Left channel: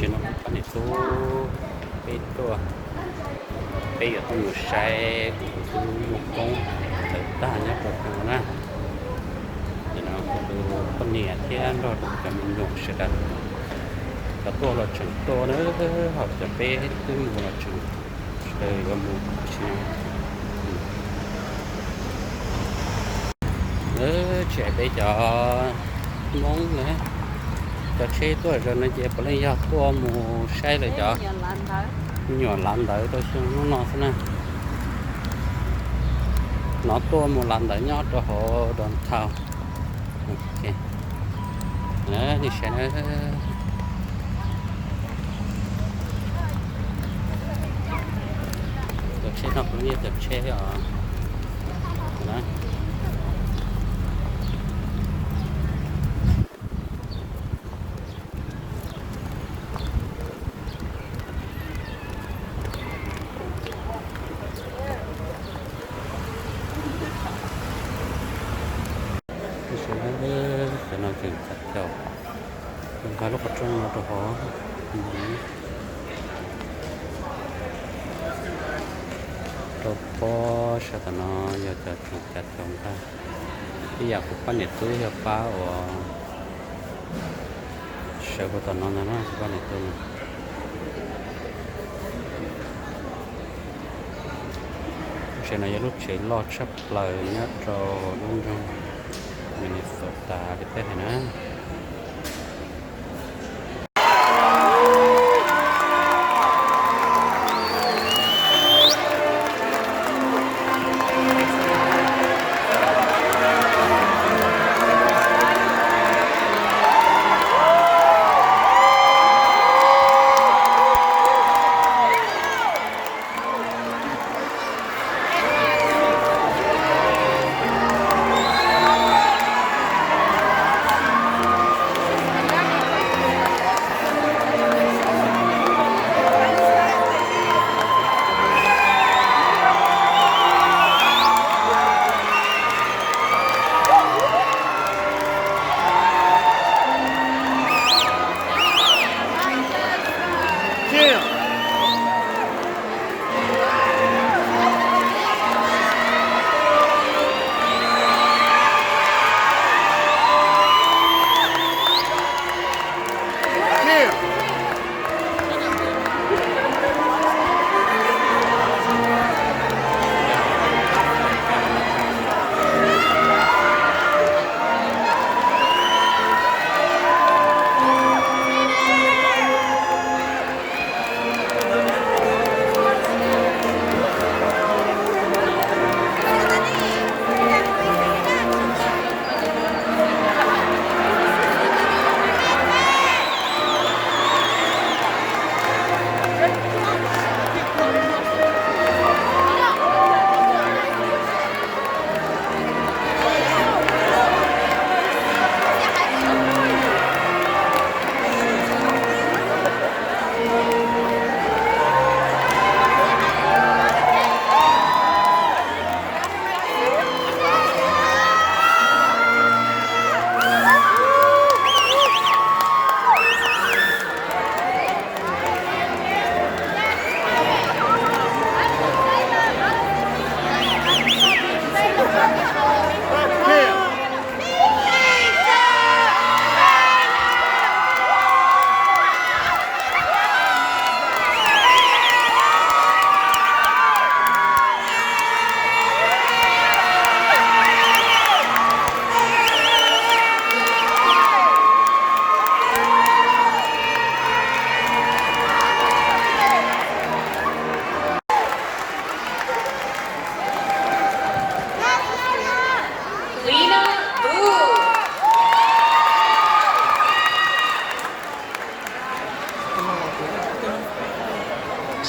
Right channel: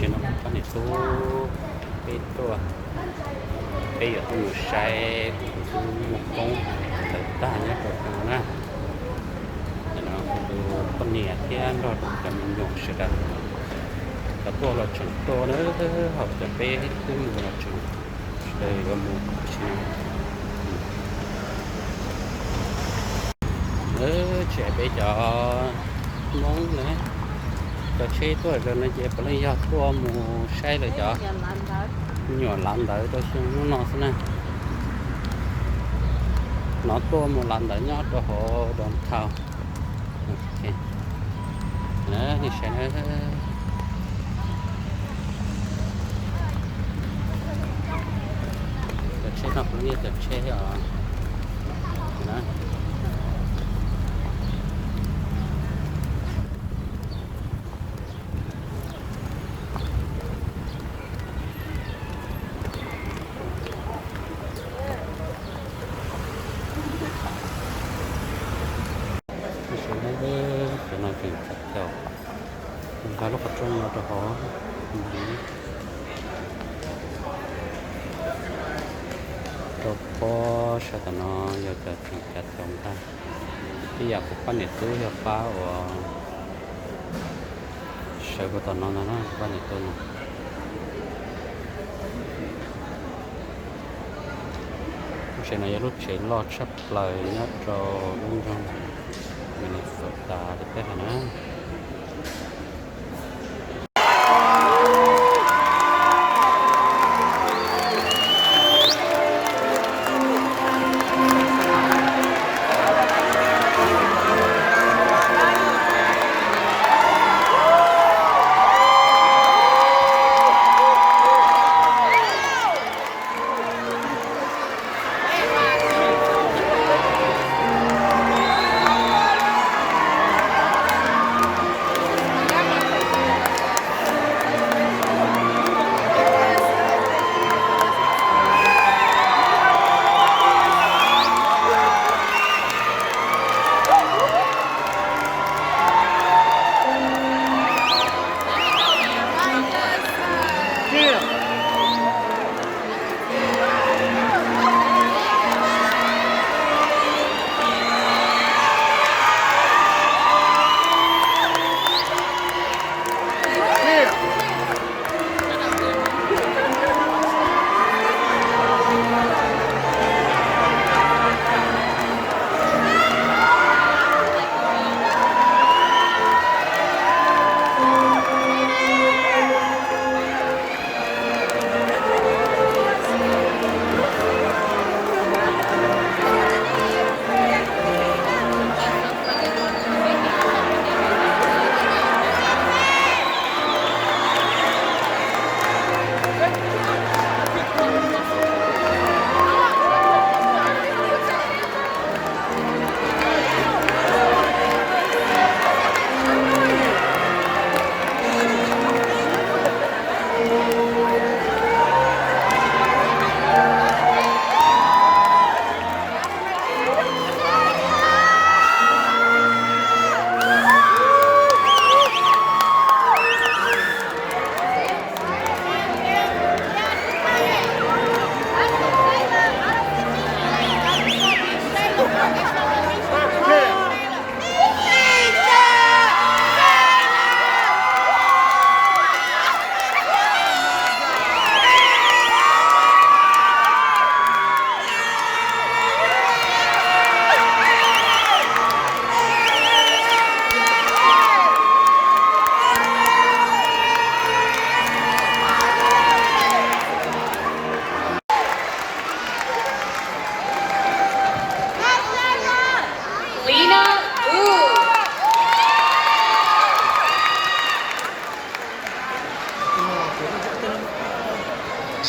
chỉ nó cũng phải cáiตัวbây giờ tôi sẽ một con thử ta nhé được nào nè nào tôi con nhẹ chứ anh rồi cầm một sự đặt cáiตัวlà chừngตัวnữa họcจะไปcũng là chừng rồi một xíu nữa sẽ để cho món nữa cho xe tôi rồi nó chỉ có lấy ra tua mù xe lại cho nhỏ lăn tới tôi xuống nó thế này nó tua mù lăn tới nhót cho họ đòn thao ok nhé thì sẽ nói xe học nó như cái xe ở đó để nói chuyện thật chào mình phải lúc ở trong nó cho họ tôi có sẽ tao nó giờ cho chuyện chặt chồng ta bây giờ cũng có nhiệt túi cho phá và sợ của tao nó có nhiệt túi này sẽ này lúc chỉ lo sắp lời nhất rồi đúng không mình phật ta để thế này nè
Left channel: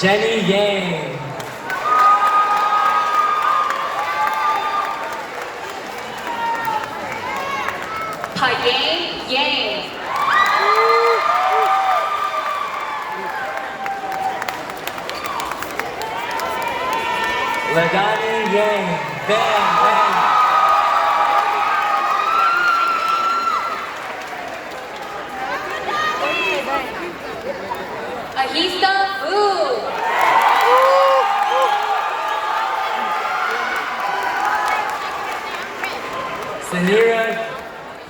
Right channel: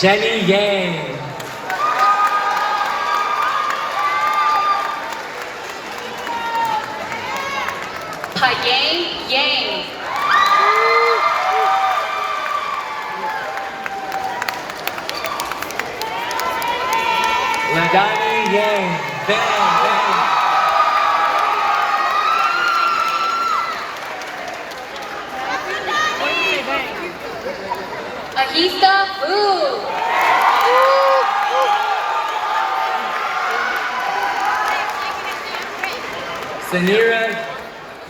Jenny Yang. Yang Yang. Ladani Yang. Bang, bang. Barista Food. Sanira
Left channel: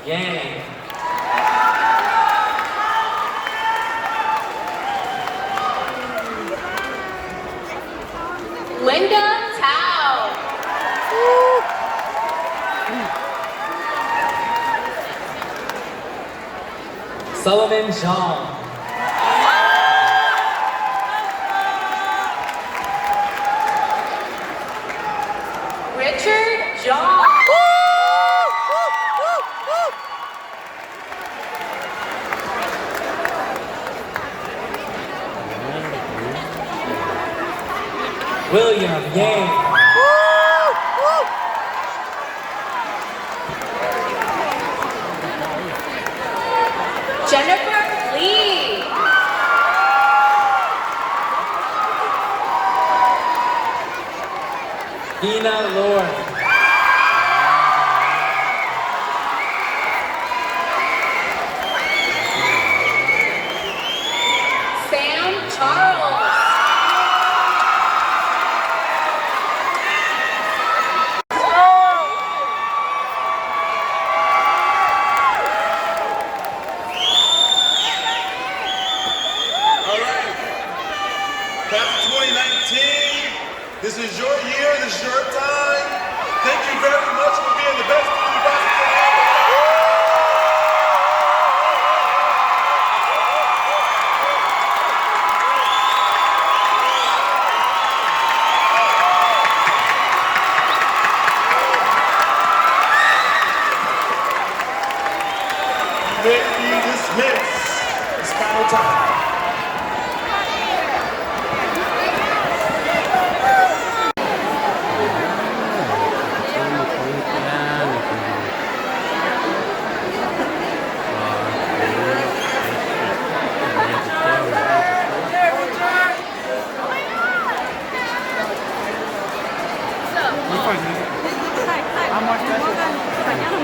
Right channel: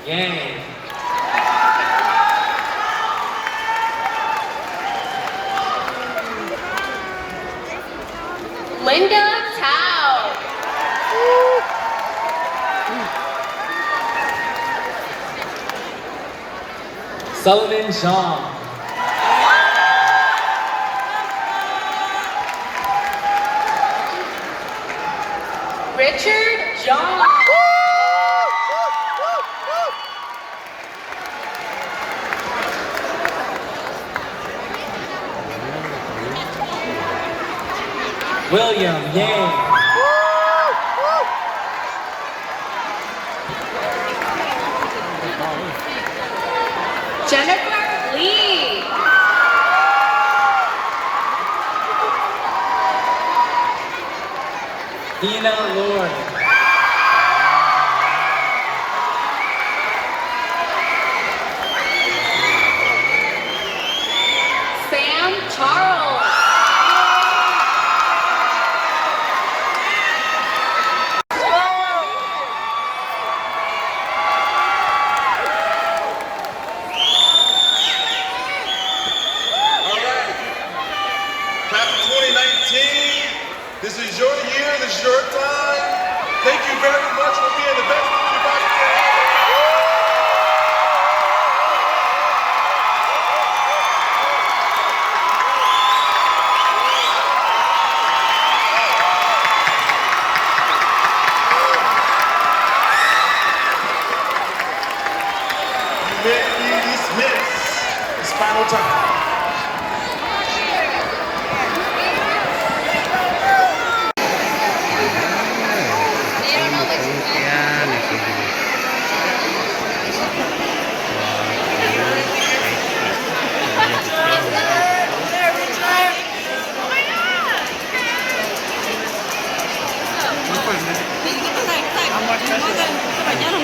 Yang. Linda Tao. Sullivan Shaw. Richard John. William Yang. Jennifer Lee. Ina Lord. Sam Charles. All right. Class of 2019, this is your year, this is your time. Thank you very much for being the best student body you can have. You may be dismissed. It's final time. Pengungsian itu. Wah, ini kecil. Apa sih?